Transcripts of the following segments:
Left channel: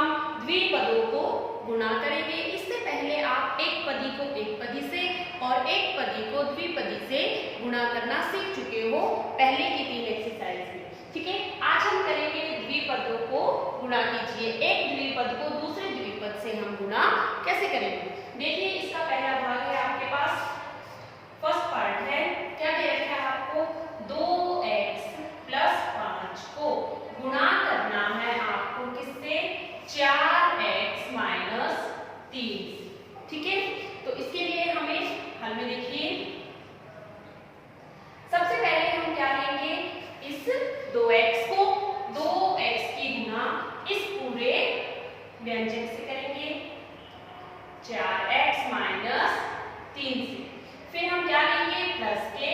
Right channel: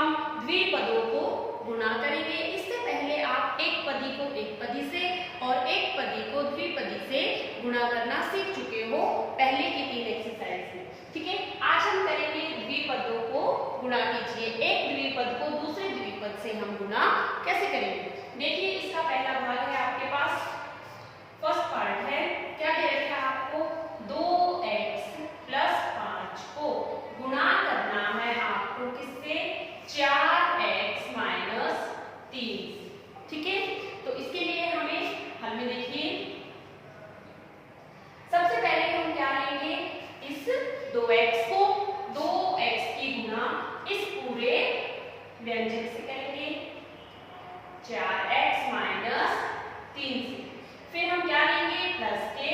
हम द्विपदों को गुणा करेंगे। इससे पहले आप एक पदी को एक पदी से और एक पदी को द्विपदी से गुणा करना सीख चुके हो पहले की 3 एक्सरसाइज में। ठीक है, आज हम करेंगे द्विपदों को गुणा कीजिए। एक द्विपद को दूसरे द्विपद से हम गुणा कैसे करेंगे? देखिए, इसका पहला भाग है आपके पास, फर्स्ट पार्ट है, क्या दे रखा है आपको? 2x + 5 को गुणा करना है आपको किससे? 4x - 3। ठीक है, तो इसके लिए हमें हल में देखिए, सबसे पहले हम क्या लेंगे? इस 2x को 2x की गुणा इस पूरे व्यंजक से करेंगे 4x - 3 से। फिर हम क्या लेंगे? प्लस के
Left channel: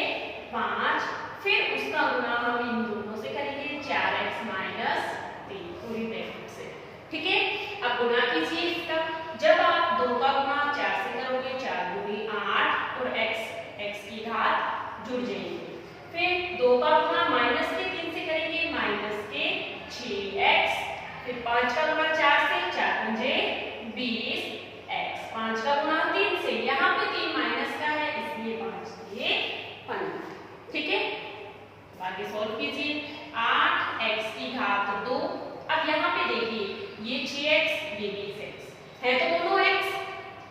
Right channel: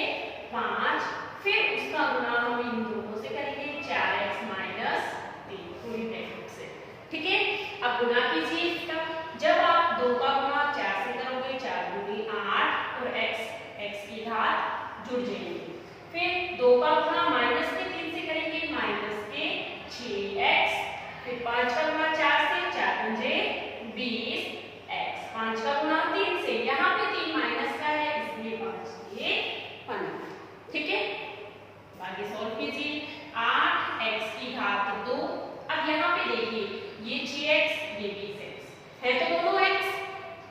5, फिर उसका गुणा हम इन दोनों से करेंगे 4x - 3 पूरी ब्रैकेट से। ठीक है, अब गुणा कीजिए इसका। जब आप 2 का गुणा 4 से करोगे, 4 दूनी 8 और x की घात जुड़ जाएंगे। फिर 2 का गुणा माइनस के 3 से करेंगे, माइनस के 6x। फिर 5 का गुणा 4 से, 4 पंजे 20x। 5 का गुणा 3 से, यहाँ पे 3 माइनस का है इसलिए 5 के 15। ठीक है, आगे सॉल्व कीजिए। 8x की घात 2। अब यहाँ पे देखिए, ये 6x, ये 20x है, तो दोनों x,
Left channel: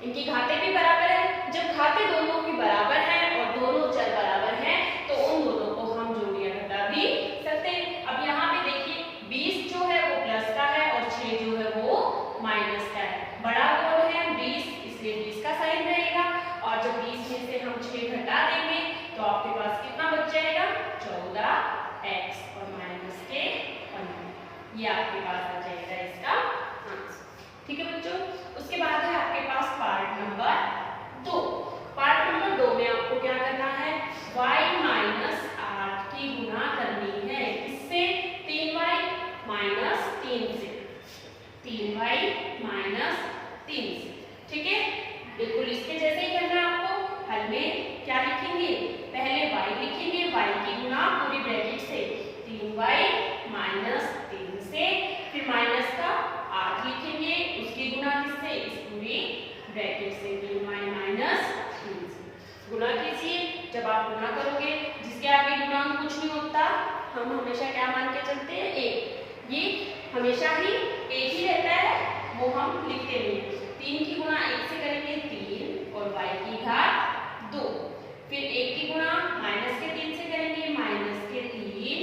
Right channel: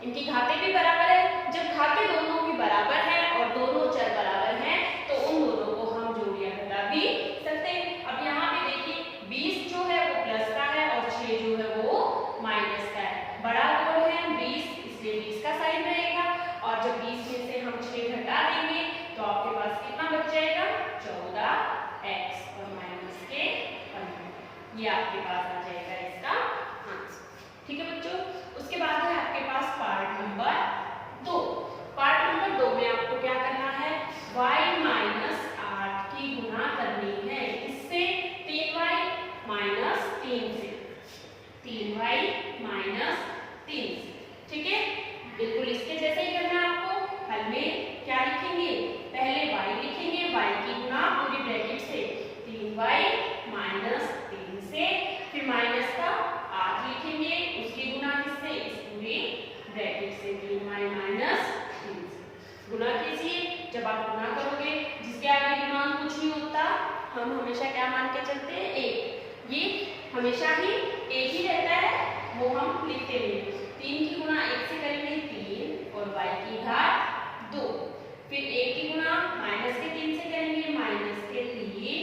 इनकी घातें भी बराबर है। जब घातें दोनों की बराबर हैं और दोनों चर बराबर हैं, तो उन दोनों को हम जोड़ या घटा भी सकते हैं। अब यहाँ पे देखिए, 20 जो है वो प्लस का है और 6 जो है वो माइनस का है। बड़ा कौन है? 20, इसलिए 20 का साइन रहेगा। और जब 20 में से हम 6 घटा देंगे तो आपके पास कितना बच जाएगा? 14x और माइनस के 15। ये आपके पास आ जाएगा इसका आंसर। ठीक है बच्चों, उसके बाद है आपके पास पार्ट नंबर 2। पार्ट नंबर 2 में आपको क्या करना है? y - 8 की गुणा करनी है। इससे 3y - 3 से, 3y - 3 से। ठीक है, बिल्कुल इसके जैसे ही करना है आपको। हल में क्या लिखेंगे? पहले y लिखेंगे, y की गुणा पूरी ब्रैकेट से 3y - 3 से, फिर माइनस का 8 लिखेंगे, उसकी गुणा किससे? इस पूरी ब्रैकेट से 3y - 3 से। गुणा कीजिए। जब आप गुणा करोगे, जिसके आगे गुणांक कुछ नहीं होता, हम हमेशा क्या मान के चलते हैं? 1। ये हमेशा ही 1 ही रहता है, वो हम लिखते हैं। 3 की गुणा 1 से करेंगे 3 और y की घात 2। फिर 1 की गुणा माइनस के 3 से करेंगे, माइनस के 3y।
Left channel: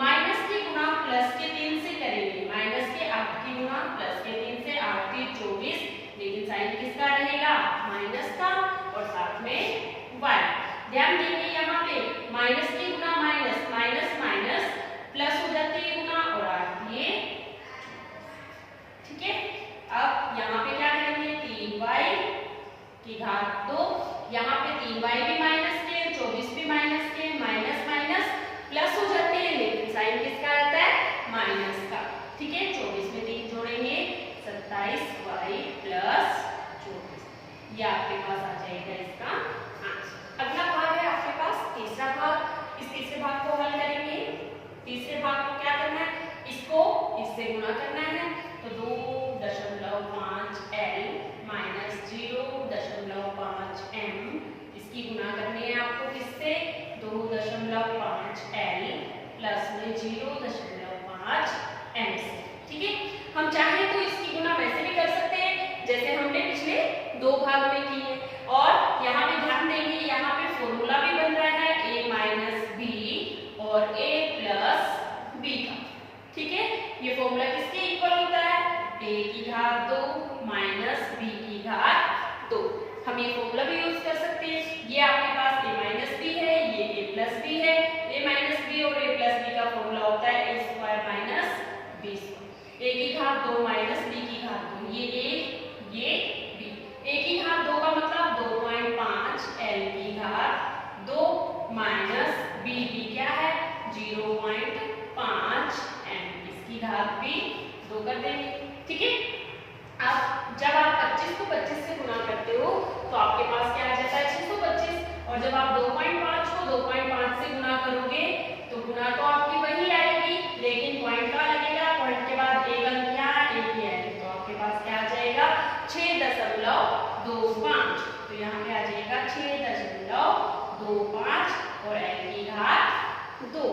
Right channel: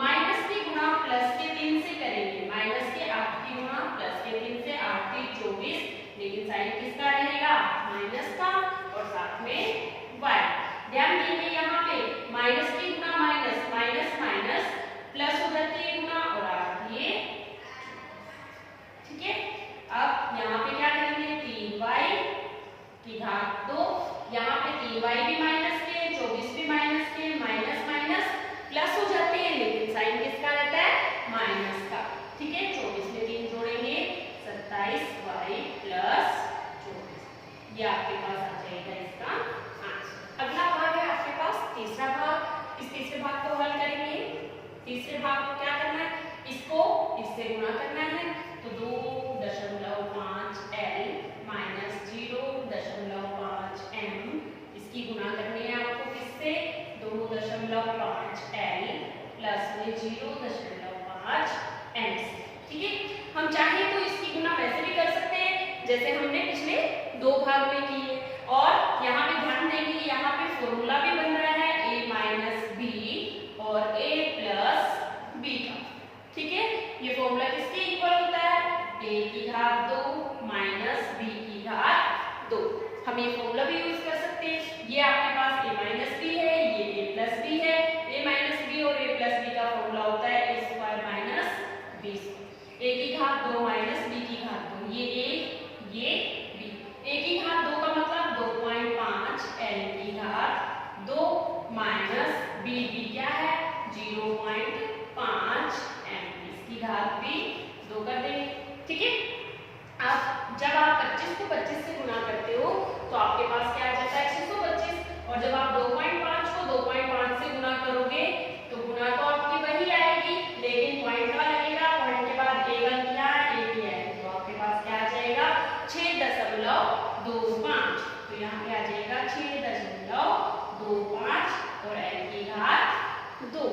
माइनस की गुणा प्लस के 3 से करेंगे, माइनस के 8 की गुणा प्लस के 3 से, 8 3 24, लेकिन साइन किसका रहेगा? माइनस का, और साथ में y। ध्यान देंगे यहाँ पे माइनस की गुणा माइनस, माइनस माइनस प्लस हो जाती है गुणा, और 8 ये। ठीक है, अब यहाँ पे क्या करेंगे? 3y की घात 2। यहाँ पे 3y भी माइनस के, 24 भी माइनस के, माइनस माइनस प्लस हो जाते हैं, लेकिन साइन किसका रहता है? माइनस का। ठीक है, 24 में 3 जोड़ेंगे, 27y + 24। ये आपके पास आ जाएगा इसका आंसर। अगला भाग है आपके पास तीसरा भाग। इस तीसरे भाग को हल करेंगे। तीसरे भाग को क्या करना है? इसको इससे गुणा करना है, तो 2.5l - 0.5m इसकी गुणा करनी है आपको किससे? 2.5l प्लस में 0.5m से। ठीक है, हम चाहे तो इसकी गुणा वैसे भी कर सकते हैं जैसे हमने पिछले 2 भाग में की है। और यहाँ पे ध्यान देंगे, यहाँ पे फॉर्मूला भी बन रहा है a - b और a + b का। ठीक है, ये फॉर्मूला किसके इक्वल होता है? a की घात 2 - b की घात 2। हम ये फॉर्मूला भी यूज कर सकते हैं। ये आपके पास a - b है, ये a + b है। a - b और a + b का फॉर्मूला होता है a² - b²। a की घात 2 - b की घात 2, ये a, ये b। a की घात 2 का मतलब 2.5l की घात 2 - b क्या है? 0.5m, इसकी घात भी 2 कर देंगे। ठीक है, अब जब आप 25 को 25 से गुणा करते हो तो आपके पास क्या आ जाता है? 625। और जब आप 2.5 को 2.5 से गुणा करोगे तो गुणा तो आपकी वही आएगी, लेकिन पॉइंट का लगेगा। पॉइंट के बाद एक अंक क्या आएगा? यहाँ पे आ जाएगा 6.25 और n की घात 2।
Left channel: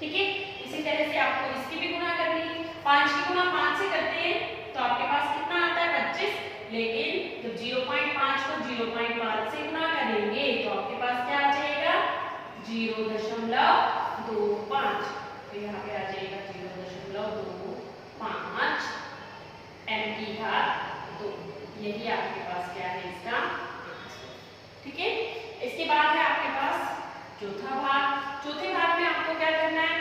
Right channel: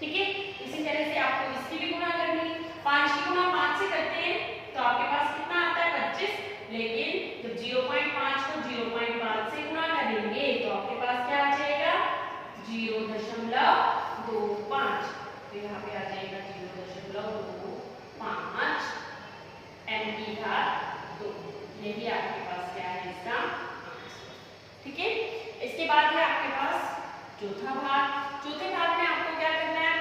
ठीक है, इसी तरह से आपको इसकी भी गुणा करनी है। 5 की गुणा 5 से करते हैं तो आपके पास कितना आता है 25, लेकिन जब 0.5 को 0.5 से गुणा करेंगे तो आपके पास क्या आ जाएगा 0.25, तो यहाँ पे आ जाएगा 0.25 n की घात 2। यही आपके पास क्या है इसका आंसर। ठीक है, इसके बाद है आपके पास चौथा भाग। चौथे भाग में आपको क्या करना है,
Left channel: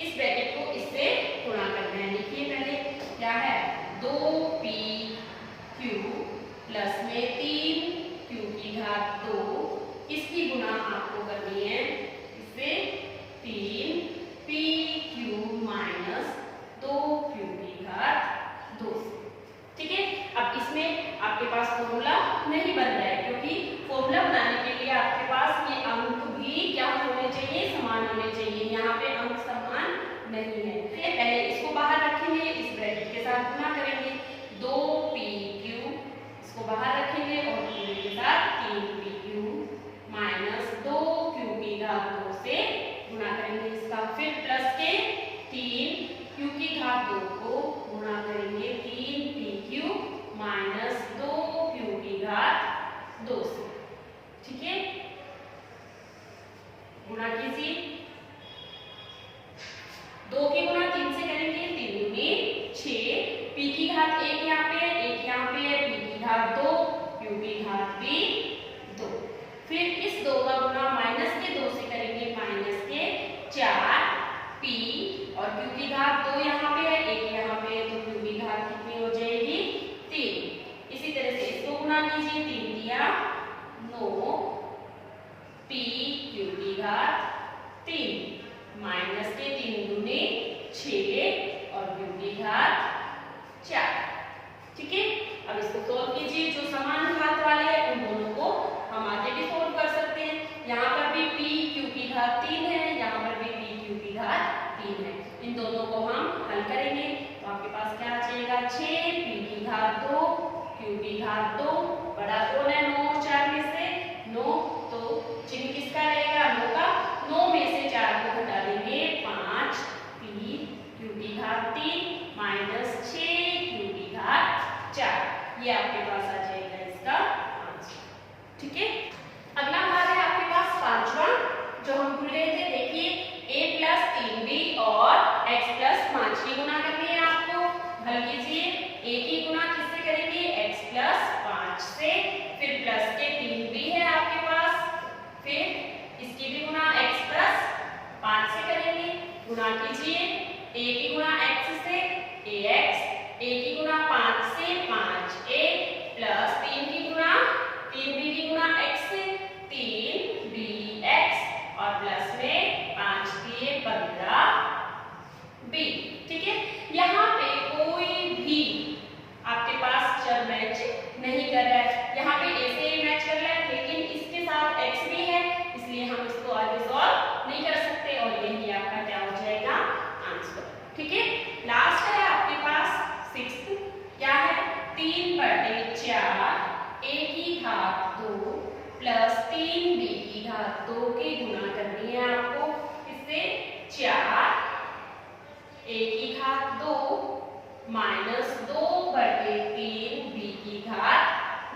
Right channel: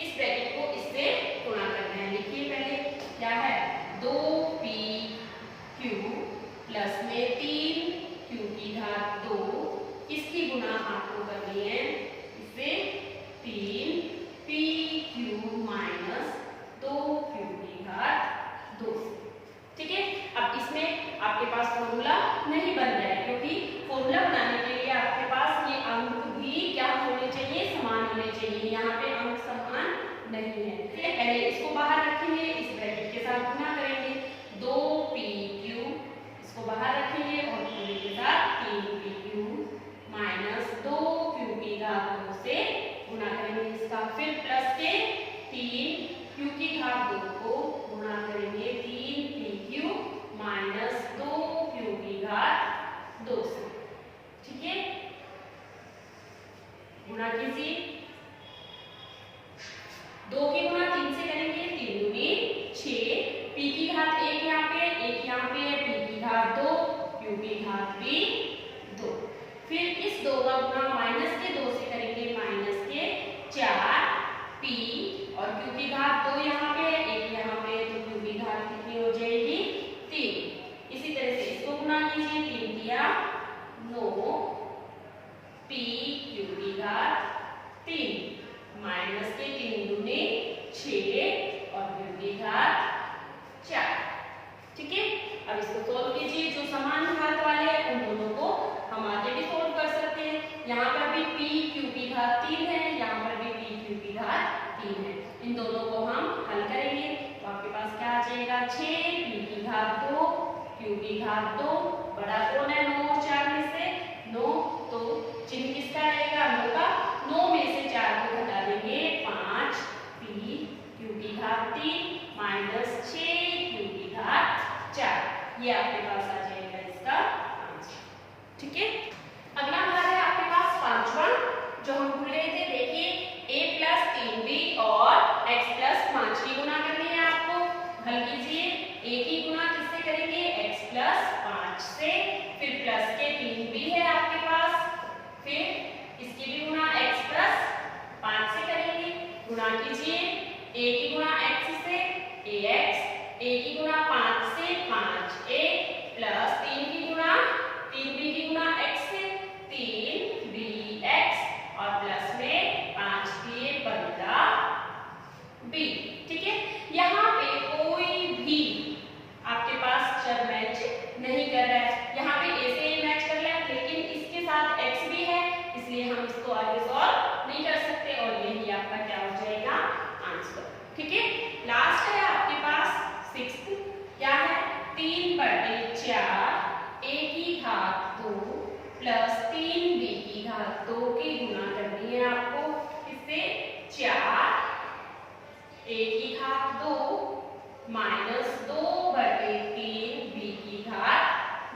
इस ब्रैकेट को इससे गुणा करना है। लिखिए पहले क्या है 2pq प्लस में 3q की घात 2, इसकी गुणा आपको करनी है इससे 3pq माइनस 2q की घात 2। ठीक है, अब इसमें आपके पास फॉर्मूला नहीं बन रहा है, क्योंकि फॉर्मूला बनाने के लिए आपके पास ये अंक भी क्या होने चाहिए, समान होने चाहिए। यहाँ पे अंक समान नहीं है, इसलिए पहले इसको बाहर रखेंगे, इस ब्रैकेट के साथ गुणा करेंगे 2pq, इसको बाहर रखेंगे और पूरे के साथ 3pq माइनस 2q की घात 2 से गुणा करेंगे इसका, फिर प्लस के 3q की घात 2 को गुणा करेंगे 3pq माइनस 2q की घात 2 से। ठीक है, गुणा कीजिए, 2 की गुणा 3 से करेंगे 3 दूनी 6, p की घात 1 यहाँ पे, 1 यहाँ पे, p की घात 2, q की घात भी 2। फिर इस 2 का गुणा माइनस के 2 से करेंगे माइनस के 4p और q की घात 2 यहाँ पे है, 1 यहाँ पे, तो q की घात कितनी हो जाएगी 3। इसी तरह से इसको गुणा कीजिए, 3 दिया 9 p q की घात 3 माइनस के 3 दूनी 6 और q की घात 4। ठीक है, अब इसको सोल्व कीजिए, जो समान घात वाले हैं उन दोनों को हम आगे भी सोल्व कर सकते हैं। यहाँ पर भी p q की घात 3 है, यहाँ पर भी p q की घात 3 है, इन दोनों को हम हल करेंगे तो आपके पास क्या आ जाएगा 6 p की घात 2 q की घात 2, बड़ा कौन है 9 और 4 में से 9, तो चिन्ह किसका रहेगा 9 का, 9 में से 4 को घटा देंगे 5 p q की घात 3 माइनस 6q की घात 4, ये आपके पास आ जाएगा इसका आंसर। ठीक है, अगला भाग है आपके पास पांचवा, जो हम भूल रहे थे। देखिए a प्लस 3b और x प्लस 5 की गुणा करनी है आपको, हल कीजिए। a की गुणा किससे करेंगे x प्लस 5 से, फिर प्लस के 3b है आपके पास, फिर इसकी भी गुणा x प्लस 5 से करेंगे, गुणा कीजिए। a की गुणा x से ax, a की गुणा 5 से 5a प्लस 3 की गुणा 3b की गुणा x से 3bx और प्लस में 5 दिए 15b। ठीक है, यहाँ पे कोई भी आपके पास चर मैच नहीं कर रहा है, यहाँ पे ऐसे ही मैच कर रहा है, लेकिन इसके साथ x भी है, इसलिए हम इसको आगे सॉल्व नहीं कर सकते और यही आपका क्या हो जाएगा आंसर। ठीक है, लास्ट है आपके पास 6th, क्या है 3/4 a की घात 2 प्लस 3b की घात 2 की गुणा करनी है आपको, इससे 4 a की घात 2 माइनस 2/3b की घात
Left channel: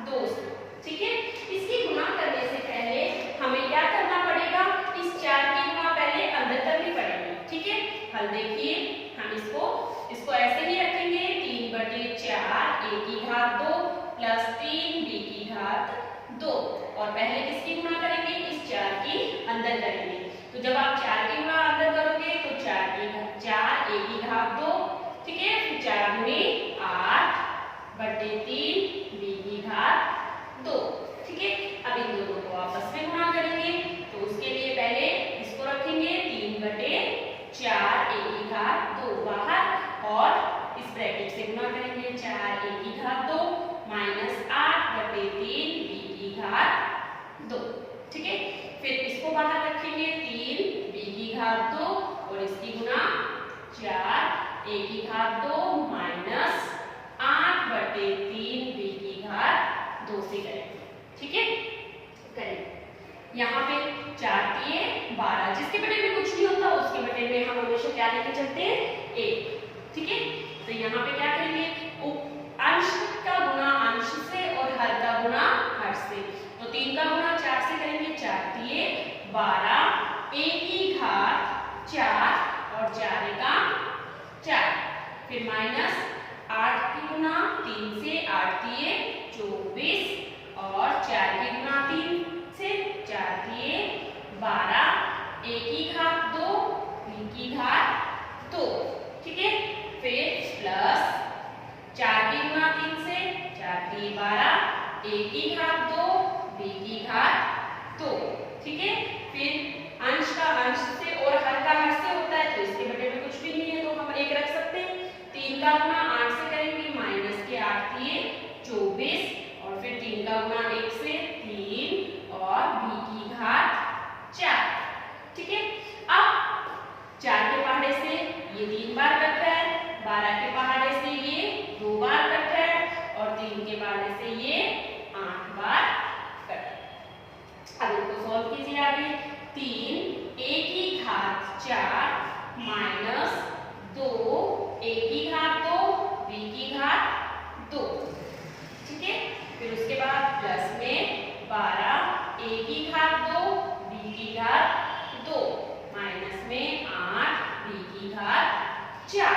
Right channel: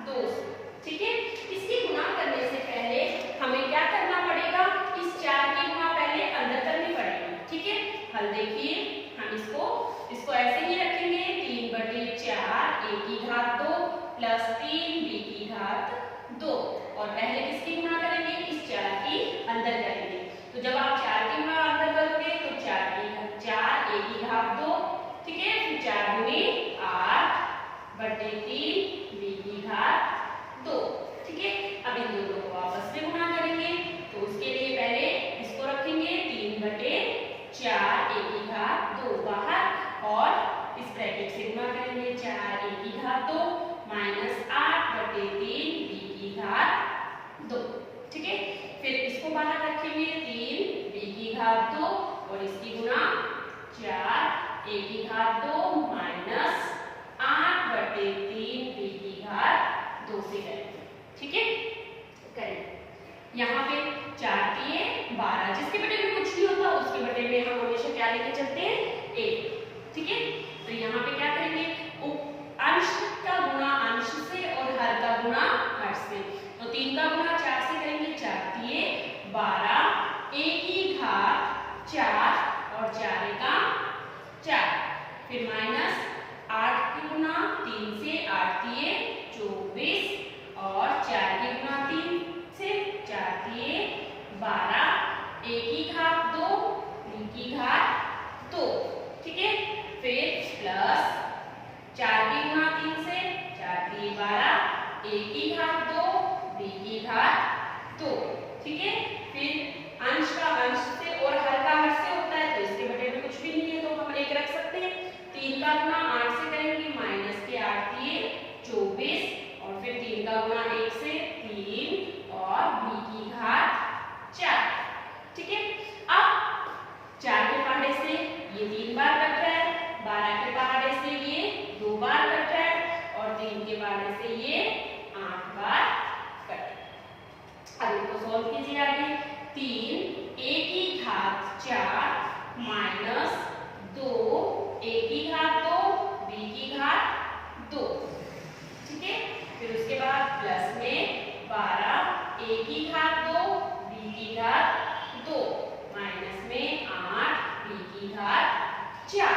2 से। ठीक है, इसकी गुणा करने से पहले हमें क्या करना पड़ेगा, इस 4 की गुणा पहले अंदर करनी पड़ेगी। ठीक है, हल देखिए, हम इसको ऐसे ही रखेंगे 3/4 a की घात 2 प्लस 3b की घात 2 और पहले किसकी गुणा करेंगे, इस 4 की अंदर करेंगे। तो जब आप 4 की गुणा अंदर करोगे तो 4 a की घात 2, ठीक है, फिर 4 दूनी 8/3 b की घात 2। ठीक है, अब इन दोनों को आपस में गुणा करेंगे, तो उसके लिए पहले इसको रखेंगे 3/4 a की घात 2 बाहर और इस ब्रैकेट से गुणा करेंगे 4 a की घात 2 माइनस 8/3 b की घात 2। ठीक है, फिर इसको बाहर रखेंगे 3 b की घात 2 और इसकी गुणा 4 a की घात 2 माइनस 8/3 b की घात 2 से करेंगे। ठीक है, करें। यहाँ पे 4 दिए 12, जिसके बटे में कुछ नहीं होता उसके बटे में हम हमेशा क्या लेके चलते हैं, 1। ठीक है, तो यहाँ पे क्या करेंगे, अंश का गुणा अंश से और हर का गुणा हर से। तो 3 का गुणा 4 से करेंगे, 4 दिए 12, 1 की घात 4 और 4 का 4, फिर माइनस 8 की गुणा 3 से 8 दिए 24 और 4 की गुणा 3 से 4 दिए 12, 1 की घात 2, 3 की घात 2। ठीक है, फिर प्लस 4 की गुणा 3 से 4 दिए 12, 1 की घात 2, b की घात 2। ठीक है, फिर अंश का अंश से और हर का हर से होता है तो इसके बटे में कुछ भी नहीं है तो हम 1 रख सकते हैं। 3 का गुणा 8 से करेंगे, माइनस के 8 दिए 24 और फिर 3 का गुणा 1 से 3 और b की घात 4। ठीक है, अब 4 के पहाड़े से ये 3 बार कट रहा है, 12 के पहाड़े से ये 2 बार कट रहा है और 3 के पहाड़े से ये 8 बार कट रहा है। अब इसको सॉल्व कीजिए आगे। 3 a की घात 4 माइनस 2 a की घात 2 b की घात 2। ठीक है, फिर उसके बाद प्लस में 12 a की घात 2 b की घात 2 माइनस में 8 b की घात 4।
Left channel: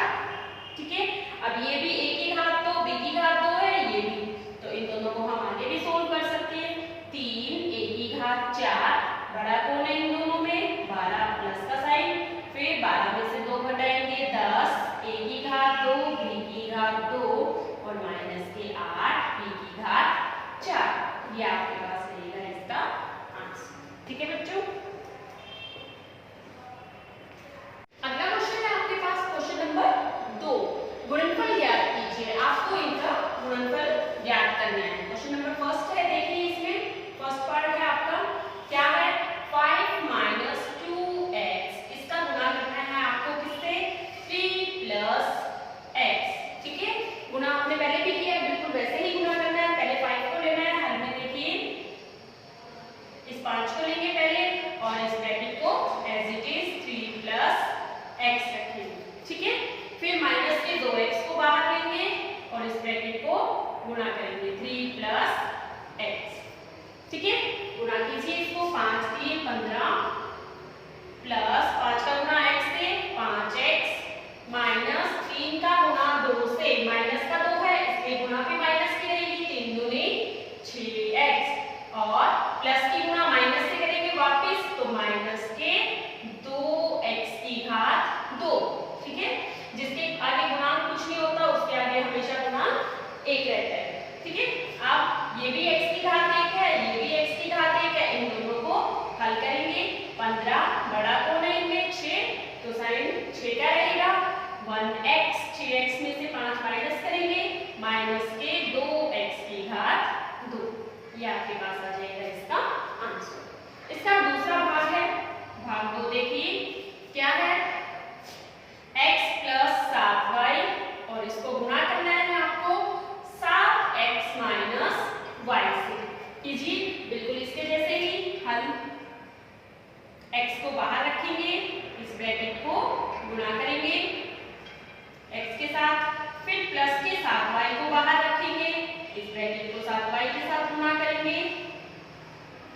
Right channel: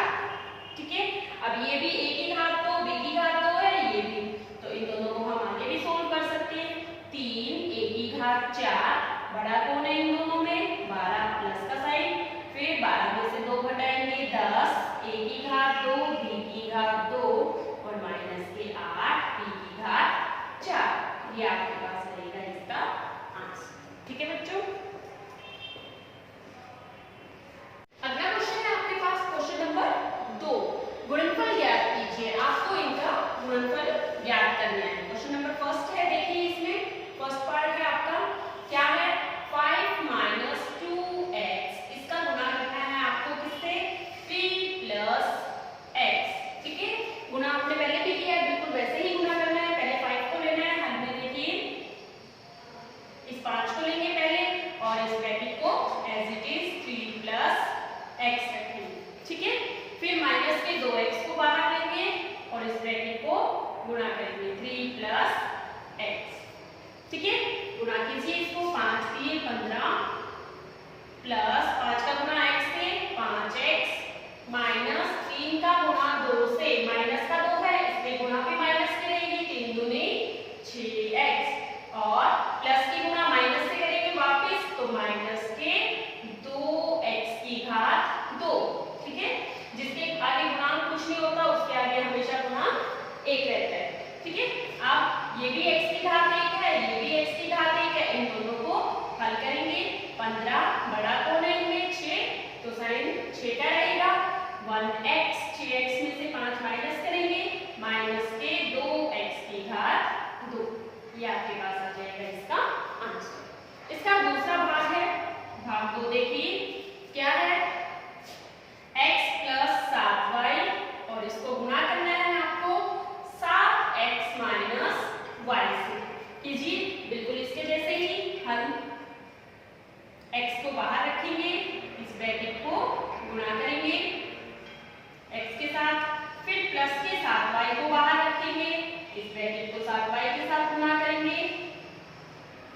ठीक है, अब ये भी a की घात 2 b की घात 2 है, ये भी, तो इन दोनों को हम आगे भी सोल्व कर सकते हैं। 3 a की घात 4, बड़ा कौन है इन दोनों में, 12 प्लस का साइन, फिर 12 में से 2 घटाएंगे 10, a की घात 2 b की घात 2 और माइनस के 8 b की घात 4। ये आपके पास रहेगा इसका आंसर। ठीक है बच्चों, अगला क्वेश्चन है आपके पास क्वेश्चन नंबर 2, गुणनफल ज्ञात कीजिए। आपको इनका गुणनफल ज्ञात करना है। क्वेश्चन नंबर फर्स्ट है, देखिए इसमें फर्स्ट पार्ट है आपका क्या है, 5 माइनस 2x, इसका गुणा करना है आपको किससे, 3 प्लस x। ठीक है, गुणा आपने पहले भी किया है, बिल्कुल वैसे ही गुणा करना है। पहले 5 को लेना है, हल में देखिए इस 5 को लेंगे पहले और इस ब्रैकेट को as it is 3 plus x रखेंगे। ठीक है, फिर माइनस के 2x को बाहर लेंगे और इस ब्रैकेट को गुणा करेंगे 3 प्लस x। ठीक है, गुणा कीजिए इसको, 5 दिए 15 प्लस 5 का गुणा x से 5x माइनस 3 का गुणा 2 से, माइनस का 2 है इसलिए गुणा पे माइनस की रहेगी, 3 दूनी 6x और प्लस की गुणा माइनस से करेंगे वापस तो माइनस के 2x की घात 2। ठीक है, जिसके आगे गुणांक कुछ नहीं होता उसके आगे हमेशा गुणांक 1 रहता है। ठीक है, अब ये भी x की घात 1 है, ये भी x की घात 1 है, इन दोनों को हल करेंगे। 15 बड़ा कौन है इनमें, 6, तो साइन 6 का रहेगा, 1x, 6x में से 5 माइनस करेंगे, माइनस के 2x की घात 2। ये आपके पास आ जाएगा इसका आंसर। इसका दूसरा भाग है, भाग 2 देखिए क्या है, x प्लस 7y और इसको गुणा करना है आपको 7x माइनस y से। कीजिए बिल्कुल इसके जैसे ही हल, x को बाहर रखेंगे, इस ब्रैकेट को गुणा करेंगे x के साथ, फिर प्लस के 7y को बाहर रखेंगे, इस ब्रैकेट को 7y के साथ गुणा करेंगे।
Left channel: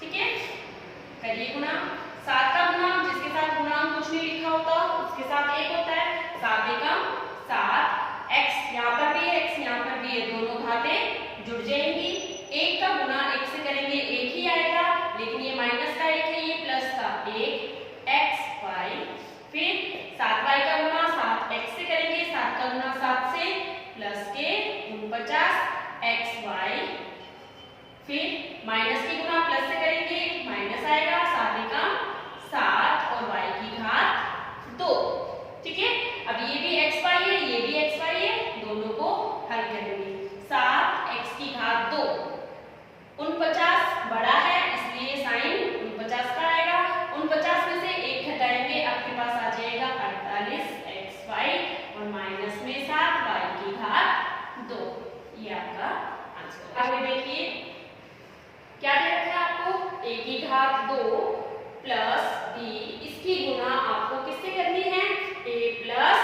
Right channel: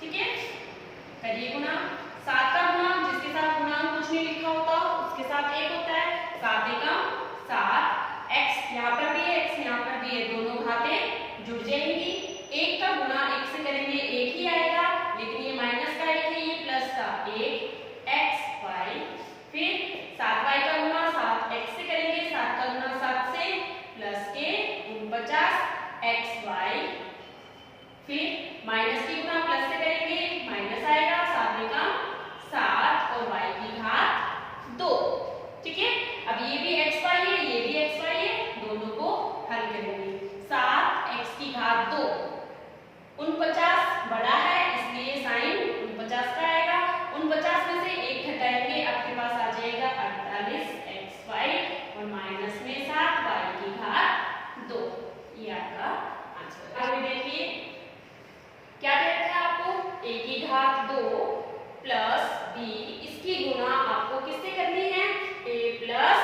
ठीक है, करिए गुणा, 7 का गुणा जिसके साथ गुणांक कुछ नहीं लिखा होता उसके साथ 1 होता है, 7 एकम 7, x यहाँ पर भी है x यहाँ पर भी है, दोनों घातें जुड़ जाएंगी। 1 का गुणा 1 से करेंगे 1 ही आएगा, लेकिन ये माइनस का 1 है, ये प्लस का 1xy, फिर 7y का गुणा 7x से करेंगे, 7 का गुणा 7 से प्लस के 49xy, फिर माइनस की गुणा प्लस से करेंगे माइनस आएगा, 7 एकम 7 और y की घात 2। ठीक है, अब ये भी xy है, ये भी xy है, दोनों को हल करेंगे। 7x की घात 2, 49 बड़ा है इसलिए साइन 49 का आएगा, 49 में से 1 घटाएंगे आपके पास आ जाएगा 48xy और माइनस में 7y की घात 2। ये आपका आंसर। आगे देखिए क्या दे रखा है आपको, a की घात 2 प्लस b, इसकी गुणा आपको किससे करनी है, a प्लस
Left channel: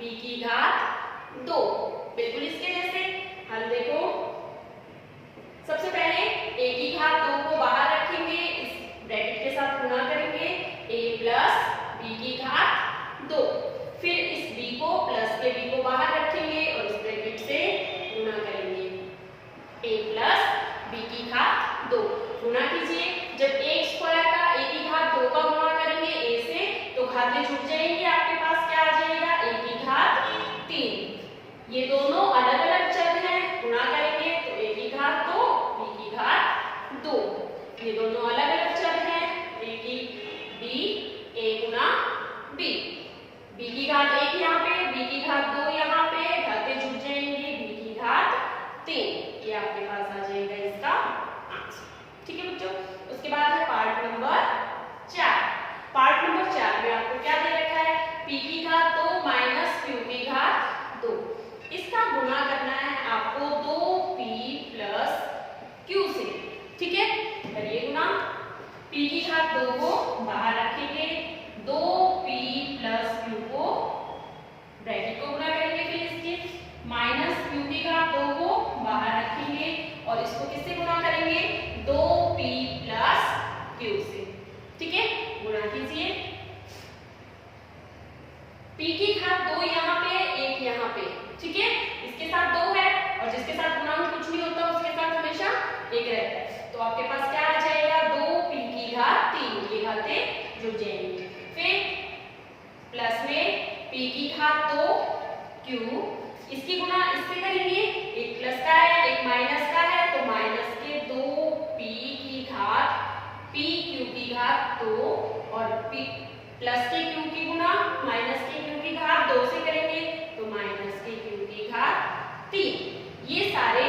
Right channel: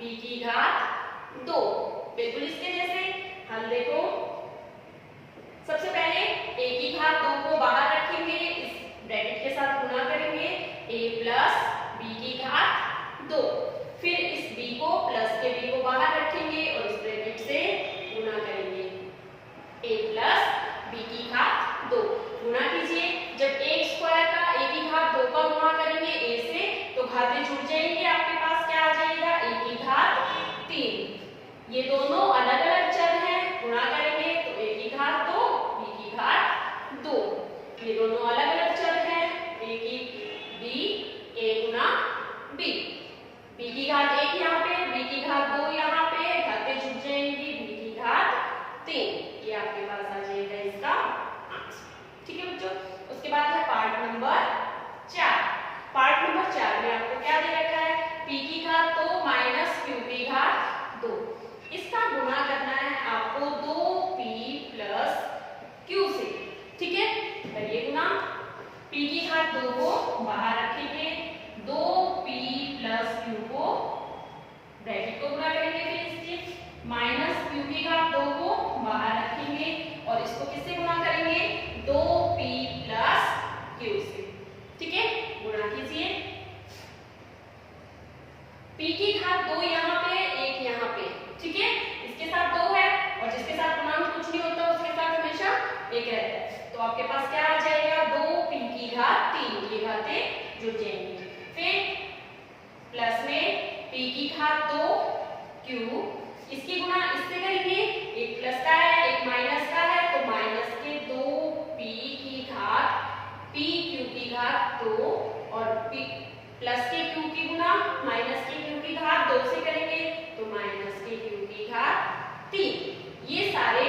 b की घात 2। बिल्कुल इसके जैसे हल देखो, सबसे पहले a की घात 2 को बाहर रखेंगे, इस ब्रैकेट के साथ गुणा करेंगे, a प्लस b की घात 2, फिर इस b को प्लस के b को बाहर रखेंगे और इस ब्रैकेट से गुणा करेंगे, a प्लस b की घात 2। गुणा कीजिए, जब a स्क्वायर का a की घात 2 का गुणा करेंगे a से तो घातें जुड़ जाएंगी, आपके पास क्या आ जाएगा, a की घात 3। ये दोनों अलग अलग चर हैं, गुणा करेंगे तो a की घात 2 b की घात 2। ये दोनों अलग अलग चर हैं, a की b, a गुणा b, b की घात 1 यहाँ पे, b की घात 2 यहाँ पे, घातें जुड़ जाएंगी, b की घात 3। ये आपके पास आ जाएगा इसका आंसर। ठीक है बच्चों, उसके बाद है पार्ट नंबर 4। पार्ट नंबर 4 में आपको क्या दे रखा है, p की घात 2 माइनस q की घात 2, इसका गुणा करना है आपको 2p प्लस q से। ठीक है, करिए गुणा, p की घात 2 को बाहर रखेंगे, 2p प्लस q को ब्रैकेट को गुणा करेंगे, फिर इसके माइनस q की घात 2 को बाहर रखेंगे और इसको किससे गुणा करेंगे, 2p प्लस q से। ठीक है, गुणा कीजिए, p की घात 2 यहाँ पे, 1 यहाँ पे, ठीक है, इसके साथ 2 है और जिसके साथ गुणांक कुछ नहीं होता उसके साथ हमेशा 1 रहता है, तो आपके पास क्या आ जाएगा, 2p की घात 3, ये घातें जुड़ जाएंगी, फिर प्लस में p की घात 2 q, इसकी गुणा इससे करेंगे, एक प्लस का है एक माइनस का है, तो माइनस के 2p की घात p q की घात 2 और p प्लस के q की गुणा माइनस के q की घात 2 से करेंगे, तो माइनस के q की घात 3। ये सारे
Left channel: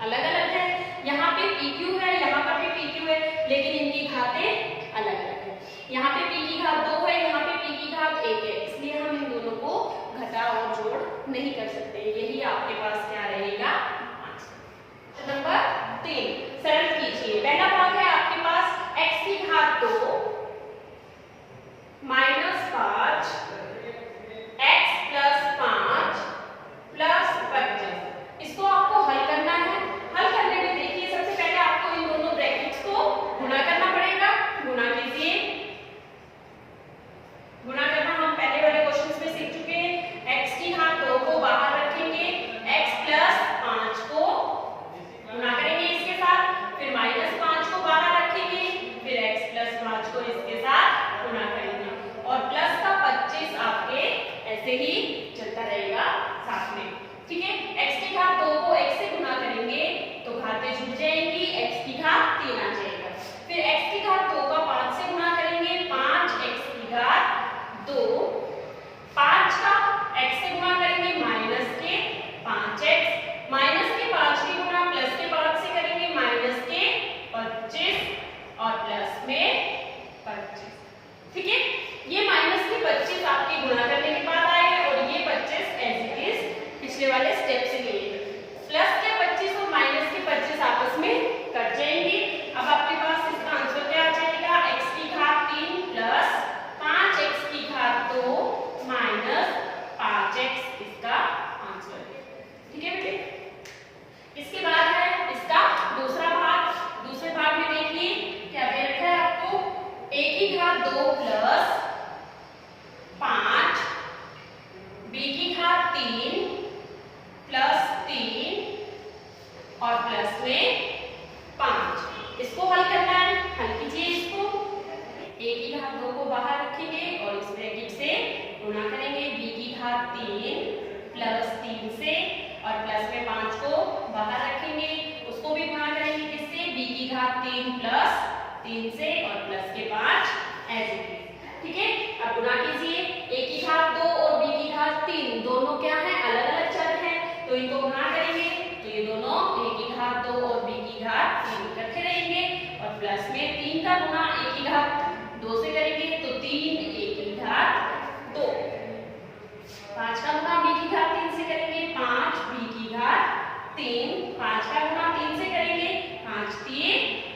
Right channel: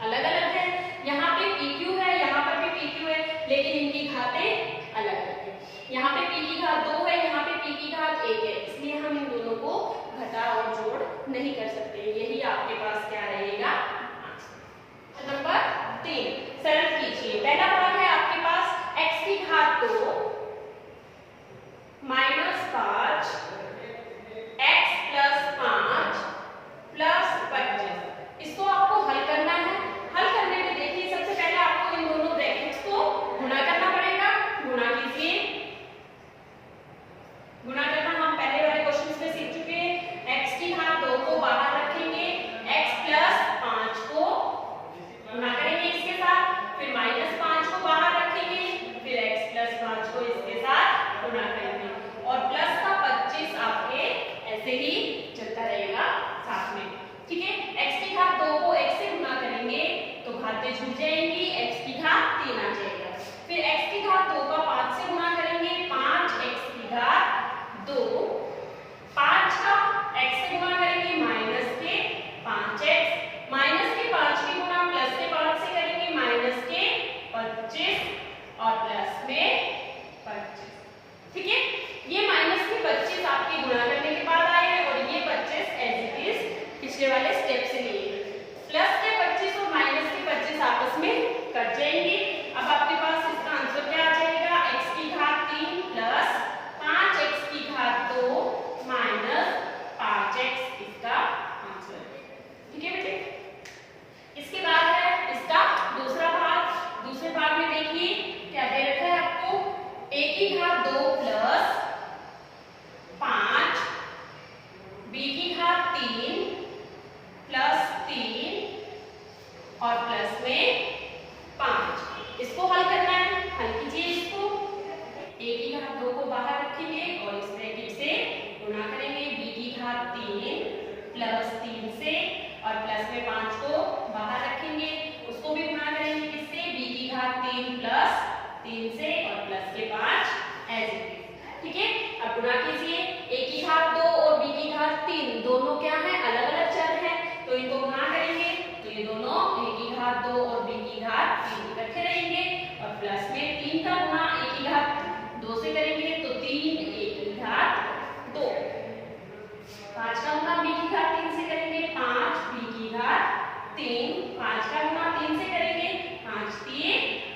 अलग अलग है, यहाँ पे pq है, यहाँ पर भी pq है, लेकिन इनकी घातें अलग अलग है। यहाँ पे p की घात 2 है, यहाँ पे p की घात 1 है, इसलिए हम इन दोनों को घटा और जोड़ नहीं कर सकते, यही आपके पास क्या रहेगा, आंसर। नंबर 3 सरल कीजिए, पहला भाग है आपके पास x की घात 2 माइनस 5 x प्लस 5 प्लस 25, इसको आपको हल करना है। हल करने में देखिए, सबसे पहले आपको इन दोनों ब्रैकेट्स को गुणा करना पड़ेगा, गुणा कीजिए, गुणा करना हम पहले वाले क्वेश्चंस में सीख चुके हैं। x की घात 2 को बाहर रखेंगे, x प्लस 5 को गुणा करेंगे इसके साथ, फिर माइनस 5 को बाहर रखेंगे, फिर x प्लस 5 को इसके साथ गुणा करेंगे और प्लस का 25 आपके ऐसे ही चलता रहेगा साथ में। ठीक है, x की घात 2 को x से गुणा करेंगे तो घातें जुड़ जाएंगी, x की घात 3 आ जाएगा, फिर x की घात 2 का 5 से गुणा करेंगे, 5x की घात 2, 5 का x से गुणा करेंगे माइनस के 5x, माइनस के 5 की गुणा प्लस के 5 से करेंगे माइनस के 25 और प्लस में 25। ठीक है, ये माइनस के 25 आपके गुणा करने के बाद आए हैं और ये 25 एज इट इज पिछले वाले स्टेप से लिए, प्लस के 25 और माइनस के 25 आपस में कट जाएंगे। अब आपके पास इसका आंसर क्या आ जाएगा, x की घात 3 प्लस 5x की घात 2 माइनस 5x इसका आंसर है। ठीक है बेटे, इसके बाद है इसका दूसरा भाग। दूसरे भाग में देखिए क्या दे रखा है आपको, a की घात 2 प्लस 5 b की घात 3 प्लस 3 और प्लस में 5, इसको हल करना है। हल कीजिए इसको, a की घात 2 को बाहर रखेंगे और इस ब्रैकेट से गुणा करेंगे, b की घात 3 प्लस 3 से और प्लस में 5 को बाहर रखेंगे, उसको भी गुणा करेंगे किससे, b की घात 3 प्लस 3 से और प्लस के 5 एज इट इज। ठीक है, अब गुणा कीजिए, a की घात 2 और b की घात 3 दोनों क्या है, अलग अलग चर हैं, तो इनको गुणा करेंगे तो ये दोनों a की घात 2 और b की घात 3 इकट्ठे रहेंगे और प्लस में 3 का गुणा a की घात 2 से करेंगे तो 3 a की घात 2, 5 का गुणा b की घात 3 से करेंगे 5 b की घात 3, 5 का गुणा 3 से करेंगे 5 3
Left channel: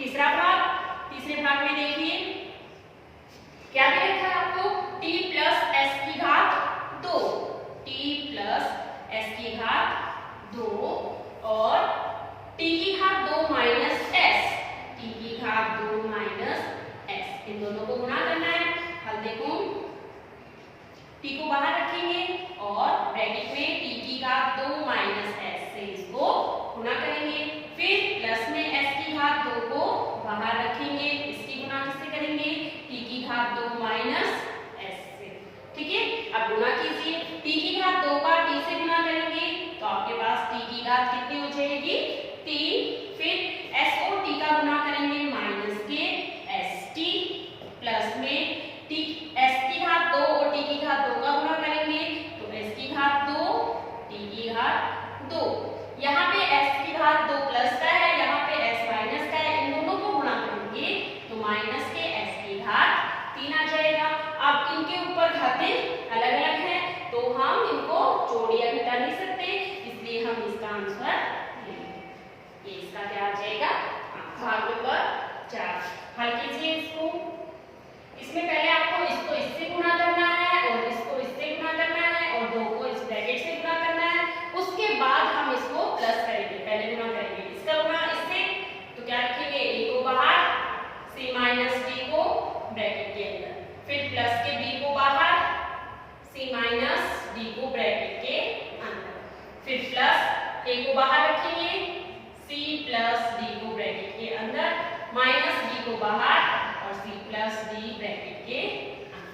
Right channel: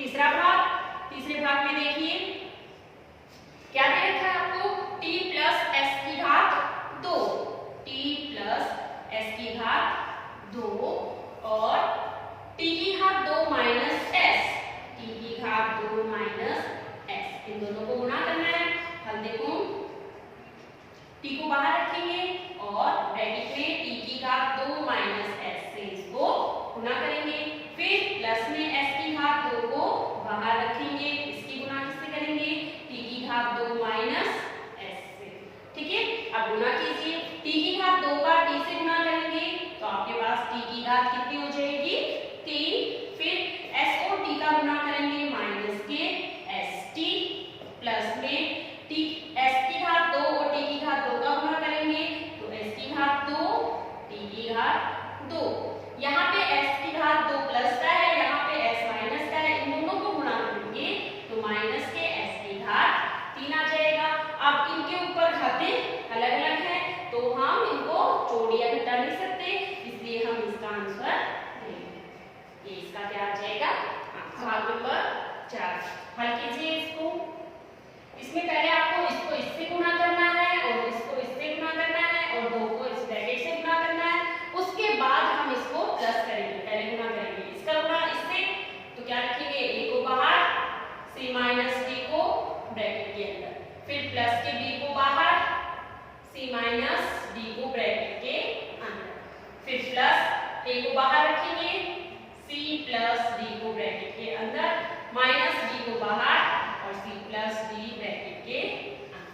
तीसरे भाग में देखिए क्या दिया था आपको, t प्लस एस की घात 2, t प्लस एस की घात 2 और t की घात 2 माइनस s, t की घात 2 माइनस s, इन दोनों को गुणा करना है। हल देखो, t को बाहर रखेंगे और ब्रैकेट में t की घात 2 माइनस s से इसको गुणा करेंगे, फिर प्लस में s की घात 2 को बाहर रखेंगे, इसकी गुणा किससे करेंगे, t की घात 2 माइनस s से। ठीक है, अब गुणा कीजिए, t की घात 2 का t से गुणा करेंगे तो आपके पास t की घात कितनी हो जाएगी, 3, फिर s और t का गुणा करेंगे माइनस के st, प्लस में t s की घात 2 और t की घात 2 का गुणा करेंगे तो s की घात 2 t की घात 2, यहाँ पे s की घात 2 प्लस का है, यहाँ पे s माइनस का है, इन दोनों को गुणा करेंगे तो माइनस के s की घात 3 आ जाएगा। अब इनके ऊपर घातें अलग अलग हैं तो हम इनको जोड़ या घटा नहीं सकते, इसलिए हम इसका आंसर लेंगे, ये इसका क्या आ जाएगा, भाग नंबर 4। हल कीजिए इसको, इसमें पहले आपको इसको इससे गुणा करना है और इसको इससे गुणा करना है और 2 को इस ब्रैकेट से गुणा करना है, उसके बाद हम इसको प्लस करेंगे, पहले गुणा करेंगे इसका गुणा इससे, तो क्या लिखेंगे, a को बाहर, c माइनस d को ब्रैकेट के अंदर, फिर प्लस के b को बाहर, c माइनस d को ब्रैकेट के अंदर, फिर प्लस a को बाहर रखेंगे, c प्लस d को ब्रैकेट के अंदर, माइनस b को बाहर और c प्लस d ब्रैकेट के अंदर।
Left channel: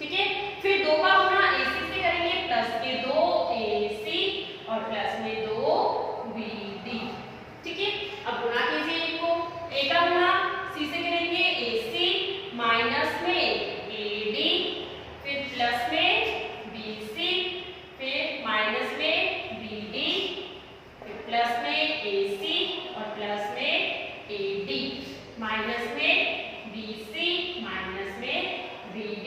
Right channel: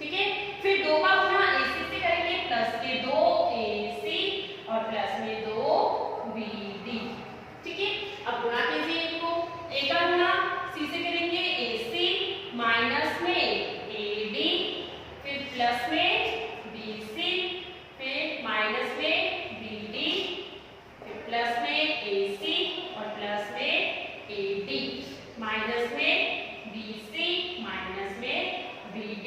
ठीक है, फिर 2 का गुणा ac से करेंगे, प्लस के 2ac और प्लस में 2bd। ठीक है, अब गुणा कीजिए इनको, a का गुणा c से करेंगे ac, माइनस में ad, फिर प्लस में bc, फिर माइनस में bd, फिर प्लस में ac और प्लस में ad, माइनस में bc, माइनस में bd,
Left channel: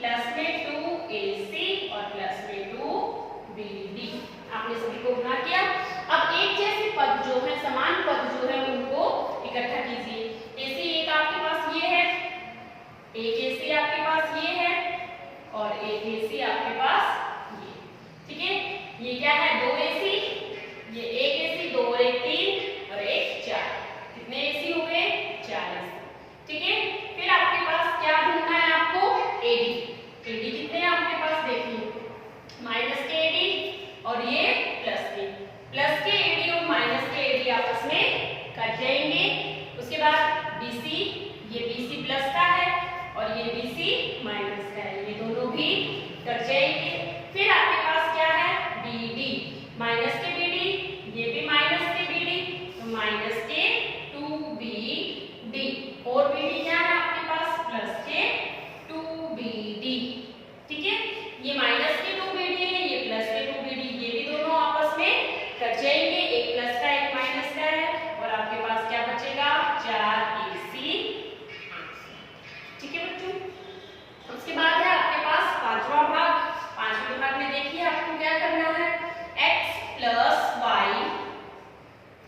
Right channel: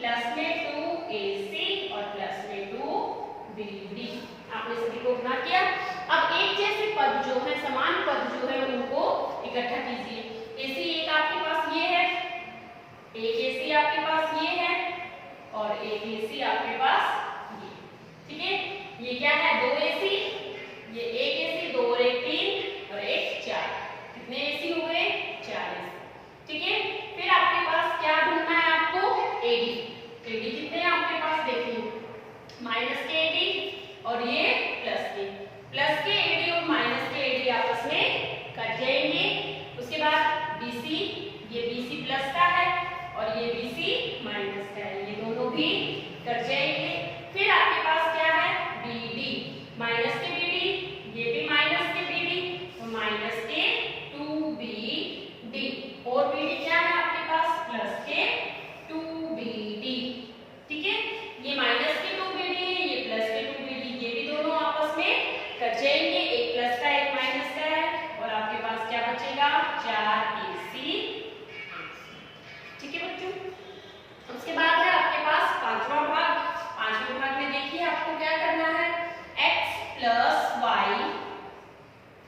प्लस में 2ac और प्लस में 2bd। आपने सभी को गुणा किया। अब एक जैसे पद जो है, समान पद जो है उनको इकट्ठा कीजिए। ac एक आपके पास ये है, एक ac आपके पास ये है और एक ac आपके पास ये। ठीक है, ये क्या है, 2ac, ये एक ac, 2 और 1 3 और 1 4, कितने ac हो गए, 4 ac। ठीक है, फिर आपके पास क्या ढूंढना है आपको, ad कितने हैं आपके पास, देखिए माइनस के ad और ये प्लस के ad और माइनस के ad आपस में कट जाएंगे। उसके बाद bc, ये bc प्लस का है और ये bc माइनस का है, ये दोनों भी कट जाएंगे। फिर आपके पास क्या है, bd, माइनस के bd, ये भी माइनस के bd, तो माइनस के 2bd और bd क्या है आपके पास, प्लस के 2bd। ठीक है, ये माइनस के 2bd है, ये प्लस के 2bd, ये भी दोनों आपस में कट जाएंगे, एक प्लस का एक माइनस का है और आपके पास क्या बचेगा, 4ac। ठीक है बच्चों, उसके बाद है आपके पास पांचवा भाग। पांचवें भाग में देखिए आपको क्या करना है, x प्लस y।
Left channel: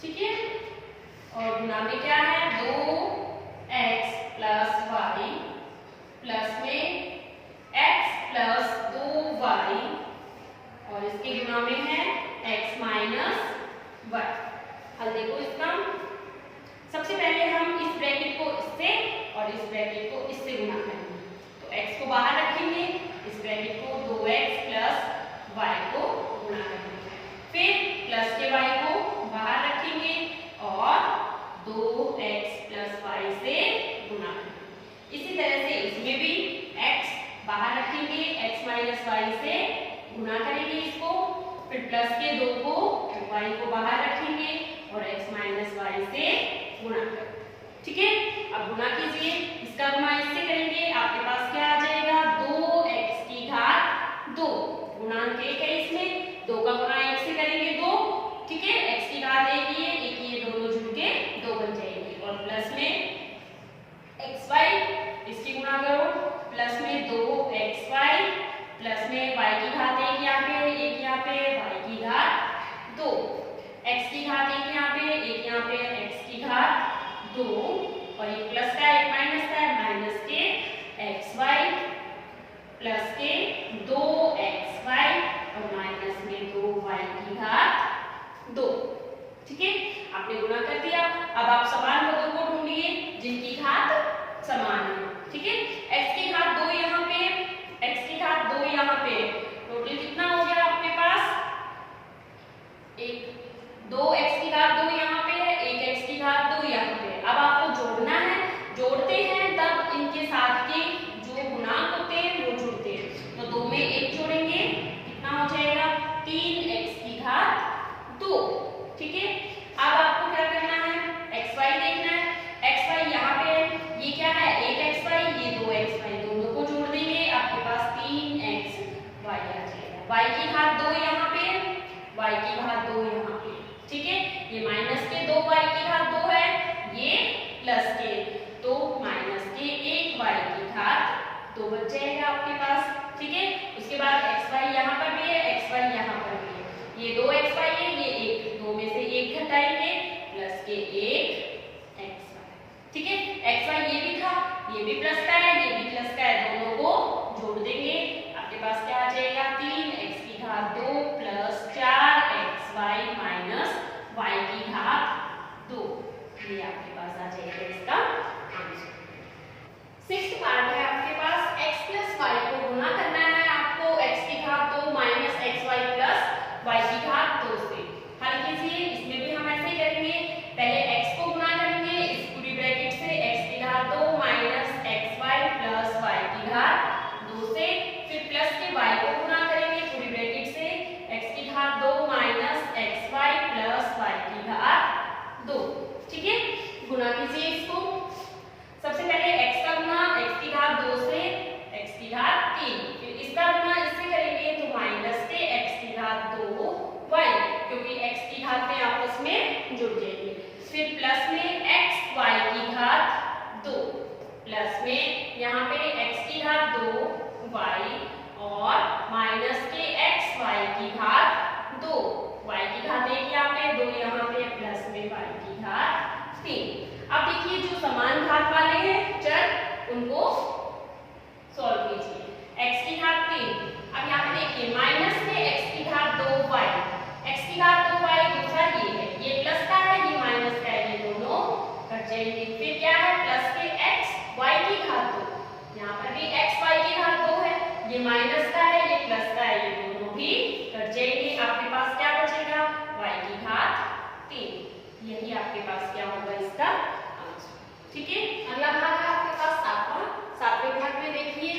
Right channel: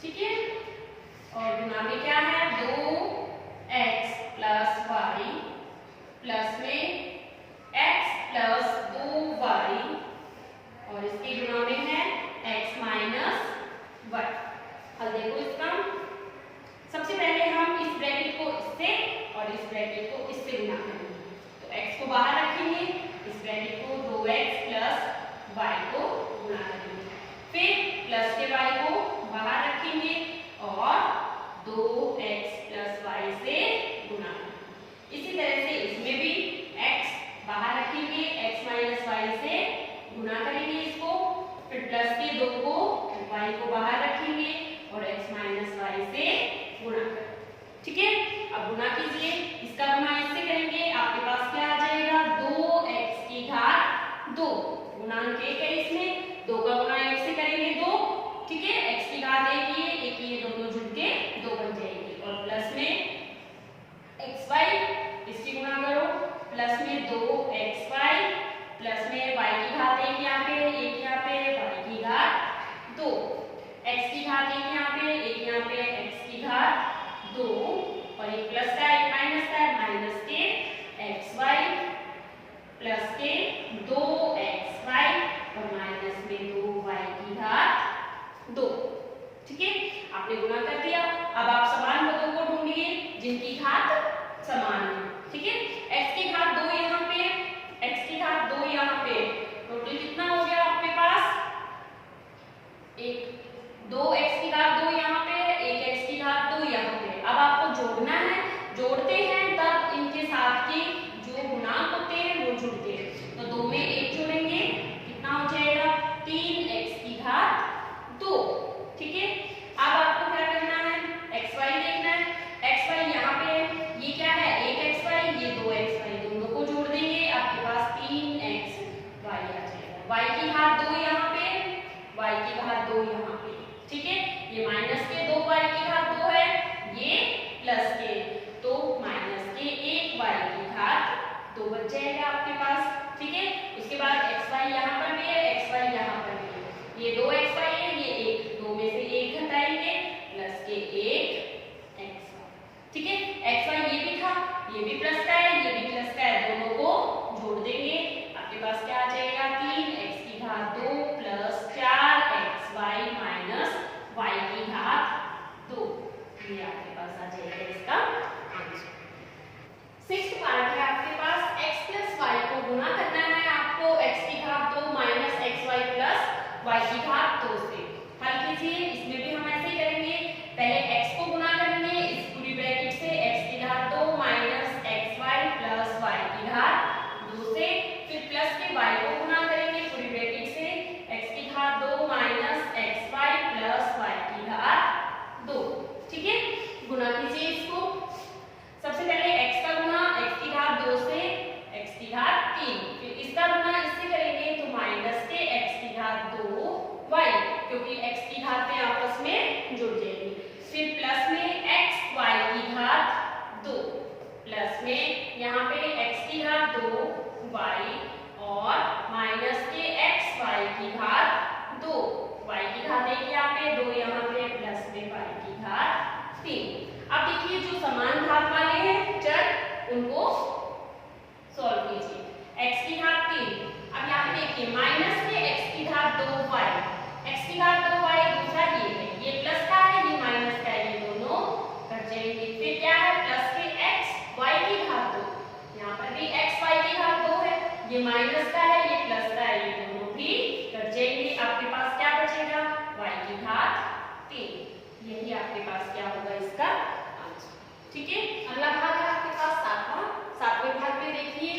ठीक है, और गुणा में क्या है, 2x प्लस y, प्लस में x प्लस 2y और इसके गुणा में है x माइनस y। हल देखो इसका, सबसे पहले हम इस ब्रैकेट को इससे और इस ब्रैकेट को इससे गुणा करेंगे, तो x को बाहर रखेंगे, इस ब्रैकेट को 2x प्लस y को गुणा करेंगे, फिर प्लस के y को बाहर रखेंगे और 2x प्लस y से गुणा करेंगे। इसी तरह से इसमें भी x बाहर रखेंगे, x माइनस y से गुणा करेंगे इसको, फिर प्लस के 2 को y को बाहर रखेंगे और x माइनस y से गुणा करेंगे। ठीक है, अब गुणा कीजिए, इसका गुणा इससे करेंगे, आपके पास क्या आ जाएगा, 2x की घात 2, गुणांक 1 है इसमें, 2 का गुणा 1 से करेंगे 2। ठीक है, x की घात 1 ये दोनों जुड़ के 2 बन जाएंगे और प्लस में xy, इसकी गुणा करो, प्लस में 2xy, प्लस में y की घात 1 यहाँ पे, 1 यहाँ पे, y की घात 2, x की घात 1 यहाँ पे, 1 यहाँ पे, x की घात 2 ठीक है, आपने गुणा कर दिया। अब आप समान पदों को ढूंढिए जिनकी घात समान है। ठीक है, x की घात 2 यहाँ पे, x की घात 2 यहाँ पे, टोटल कितना हो गया आपके पास? 2x की घात 2 यहाँ पे है, 1x की घात 2 यहाँ पे। अब आपको जोड़ना है, जोड़ते हैं तब इनके साथ के जो गुणांक होते हैं वो जुड़ते हैं। तो 2 में 1 जोड़ेंगे, कितना हो जाएगा? 3x की घात 2। ठीक है, अब आपको क्या करना है? xy देखना है। xy यहाँ पे ये क्या है? 1xy, ये 2xy, दोनों को जोड़ देंगे, आपके पास 3xy आ जाएगा। y की घात 2 यहाँ पे, y की घात 2 यहाँ पे। ठीक है, ये माइनस के 2y की घात 2 है, ये प्लस के, तो माइनस के 1y की घात 2 बच जाएगा आपके पास। ठीक है, उसके बाद xy यहाँ पर भी है, xy यहाँ पर भी है, ये 2xy है, ये 1, 2 में से 1 घटाएंगे, प्लस के 1xy। ठीक है, xy ये भी था, ये भी प्लस का है, ये भी प्लस का है, दोनों को जोड़ देंगे, आपके पास क्या आ जाएगा? 3x की घात 2 प्लस 4xy माइनस y की घात 2। ये आपके पास आ जाएगा इसका आंसर। 6th पार्ट है आपके पास, x प्लस y को गुणा करना है आपको, x की घात 2 माइनस xy प्लस y की घात 2 से। हल कीजिए, इसमें भी हम ऐसे ही करेंगे, पहले x को गुणा करेंगे इस पूरी ब्रैकेट से, x की घात 2 माइनस xy प्लस y की घात 2 से, फिर प्लस के y को गुणा करेंगे पूरी ब्रैकेट से, x की घात 2 माइनस xy प्लस y की घात 2। ठीक है, गुणा कीजिए इसको। सबसे पहले x का गुणा x की घात 2 से x की घात 3, फिर इसका गुणा इससे करेंगे तो माइनस से x की घात 2y, क्योंकि x की घातें आपस में जुड़ जाएंगी, फिर प्लस में xy की घात 2, प्लस में यहाँ पे x की घात 2y और माइनस के xy की घात 2, y की घात 1 यहाँ पे, 2 यहाँ पे, प्लस में y की घात 3। अब देखिए जो समान घात वाले हैं चर, उनको सॉल्व कीजिए। x की घात 3, अब यहाँ पे देखिए माइनस के x की घात 2y, x की घात 2y दूसरा ये है, ये प्लस का है, ये माइनस का है, ये दोनों कट जाएंगे। फिर क्या है? प्लस के xy की घात 2, यहाँ पर भी xy की घात 2 है, ये माइनस का है, ये प्लस का है, ये दोनों भी कट जाएंगे। आपके पास क्या बचेगा? y की घात 3। यही आपके पास क्या होगा इसका आंसर। ठीक है, अगला भाग है आपके पास 7वें भाग में देखिए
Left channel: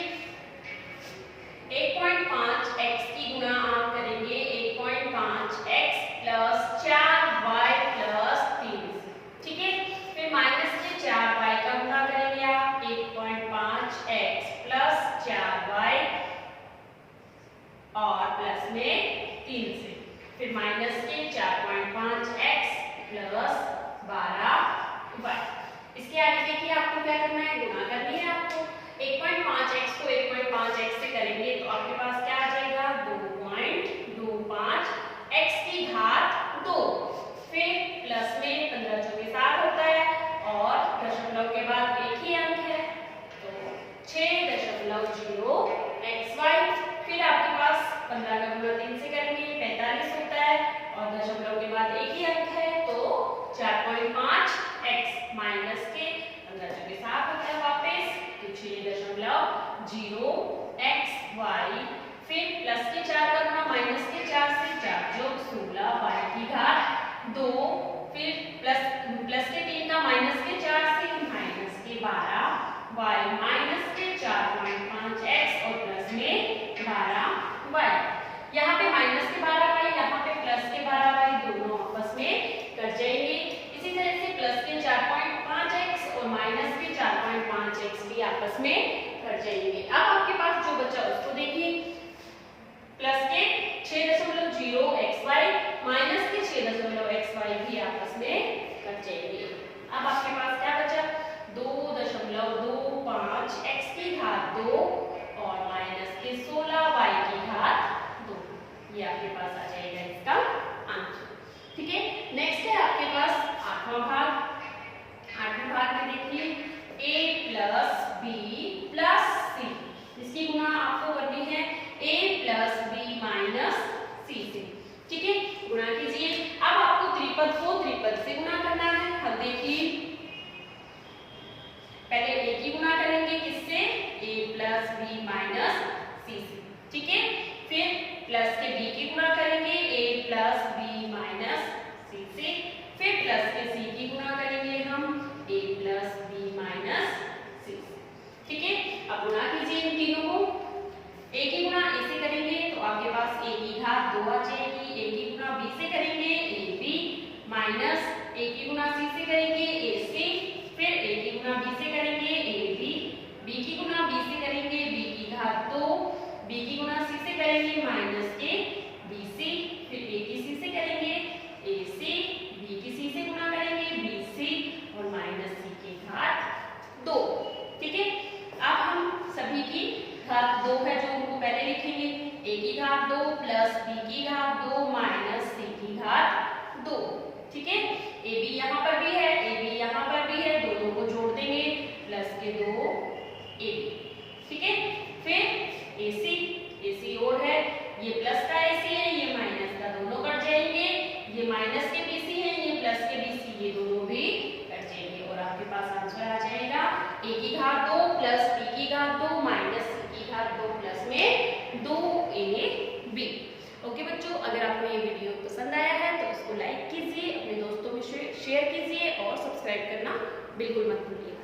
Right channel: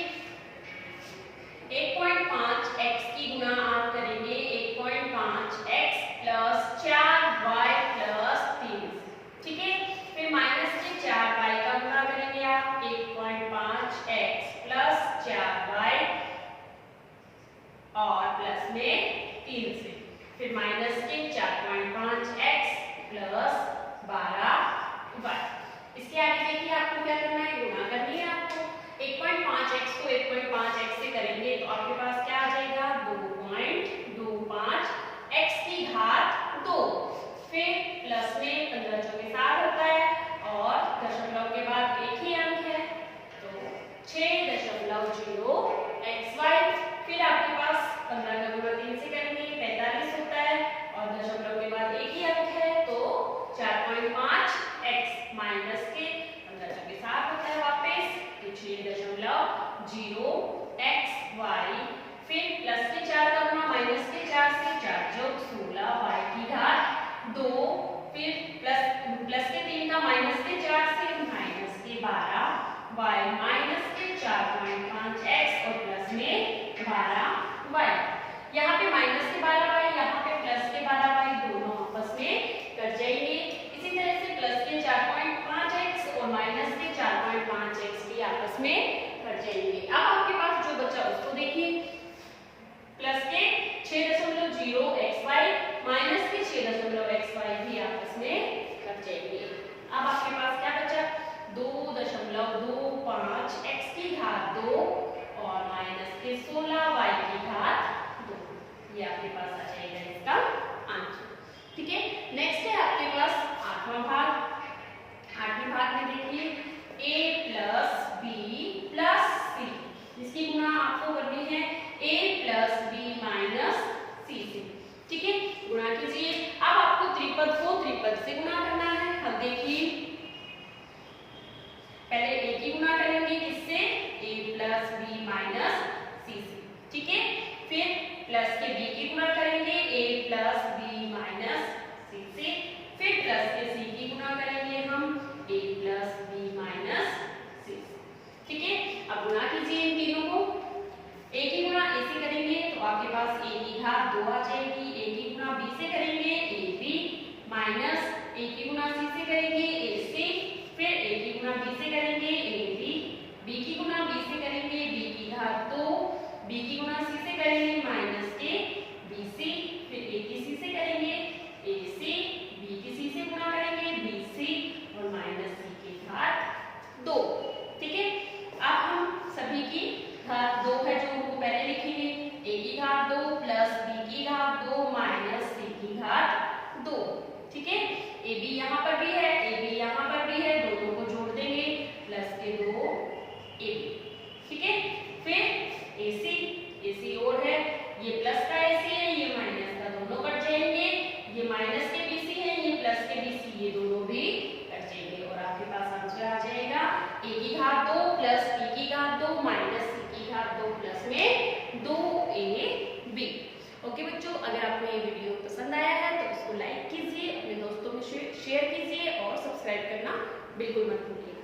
1.5x की गुणा आप करेंगे 1.5x प्लस 4y प्लस 3। ठीक है, फिर माइनस के 4y का गुणा करेंगे आप 1.5x प्लस 4y और प्लस में 3 से, फिर माइनस के 4.5x प्लस 12y। इसके आगे देखिए आपको क्या करना है? गुणा करनी है आपको। 1.5x को 1.5x से करेंगे तो आपके पास क्या आ जाएगा? 2.25 x की घात 2, फिर प्लस में 15 चौके 7 होता है और दशमलव के बाद एक ही अंक है तो 6.0 xy, फिर आपके पास 15 का गुणा 3 से करेंगे 45 होता है और दशमलव के बाद एक ही अंक है तो 4.5 x माइनस के 15 चौके 7 होता है वापस तो 6.0 xy, फिर प्लस के 4 का गुणा माइनस के 4 से 4 जोड़ 16 y की घात 2, फिर प्लस के 3 का माइनस के 4 से माइनस के 12 y माइनस के 4.5x और प्लस में 12y। यहाँ पे माइनस के 12y, यहाँ पे प्लस के 12y, दोनों आपस में कट जाएंगे। इसी तरह से प्लस के 4.5x और माइनस के 4.5x भी आपस में कट जाएंगे। अब आपके पास जो बचा उसको देखिए, प्लस के 6.0 xy माइनस के 6.0 xy भी आपस में कट जाएंगे। अब आपके पास क्या बचा? 2.25 x की घात 2 और माइनस के 16 y की घात 2। ये आपके पास आ जाएगा इसका आंसर। ठीक है, नेक्स्ट है आपके पास 8वां भाग। 8वें भाग में देखिए a plus b plus c, जिसकी गुणा आपको करनी है a plus b minus c से। ठीक है, गुणा कीजिए। अब आपको त्रिपद को त्रिपद से गुणा करना है। हम देखिए पहले a की गुणा करेंगे किससे, a प्लस बी माइनस सी से, ठीक है। फिर प्लस के b की गुणा करेंगे a प्लस बी माइनस सी से। फिर प्लस के c की गुणा करेंगे हम a प्लस बी माइनस सी से, ठीक है। अब गुणा कीजिए इन तीनों को। a की गुणा a से करेंगे तो आपके पास a की घात 2 आ जाएगी। a की गुणा b से करेंगे ab माइनस a की गुणा c से करेंगे ac। फिर a की गुणा b से करेंगे ab, b की गुणा b से करेंगे b की घात 2, b की गुणा c से करेंगे माइनस के bc। फिर a की c से करेंगे ac, b की c से गुणा करेंगे bc और माइनस c की घात 2, ठीक है। अब हम सभी की घात 2 है जो उनको पहले लिखेंगे, a की घात 2 प्लस b की घात 2 माइनस c की घात 2, ठीक है। a b यहाँ पर भी है, a b यहाँ पर भी है, दोनों को जोड़ देंगे प्लस के 2 a b, ठीक है। फिर ac और है, ये प्लस का ac है, ये माइनस का, दोनों कट जाएंगे। ये माइनस के bc है, ये प्लस के bc, ये दोनों भी कट जाएंगे और आपके पास आंसर आ जाएगा a की घात 2 प्लस b की घात 2 माइनस c की घात 2 प्लस में 2ab। ओके बच्चों, अगर आपको ये वीडियो पसंद आया है तो इसको लाइक कीजिए, अपने दोस्तों में शेयर कीजिए और सब्सक्राइब करना बिल्कुल मत भूलिए।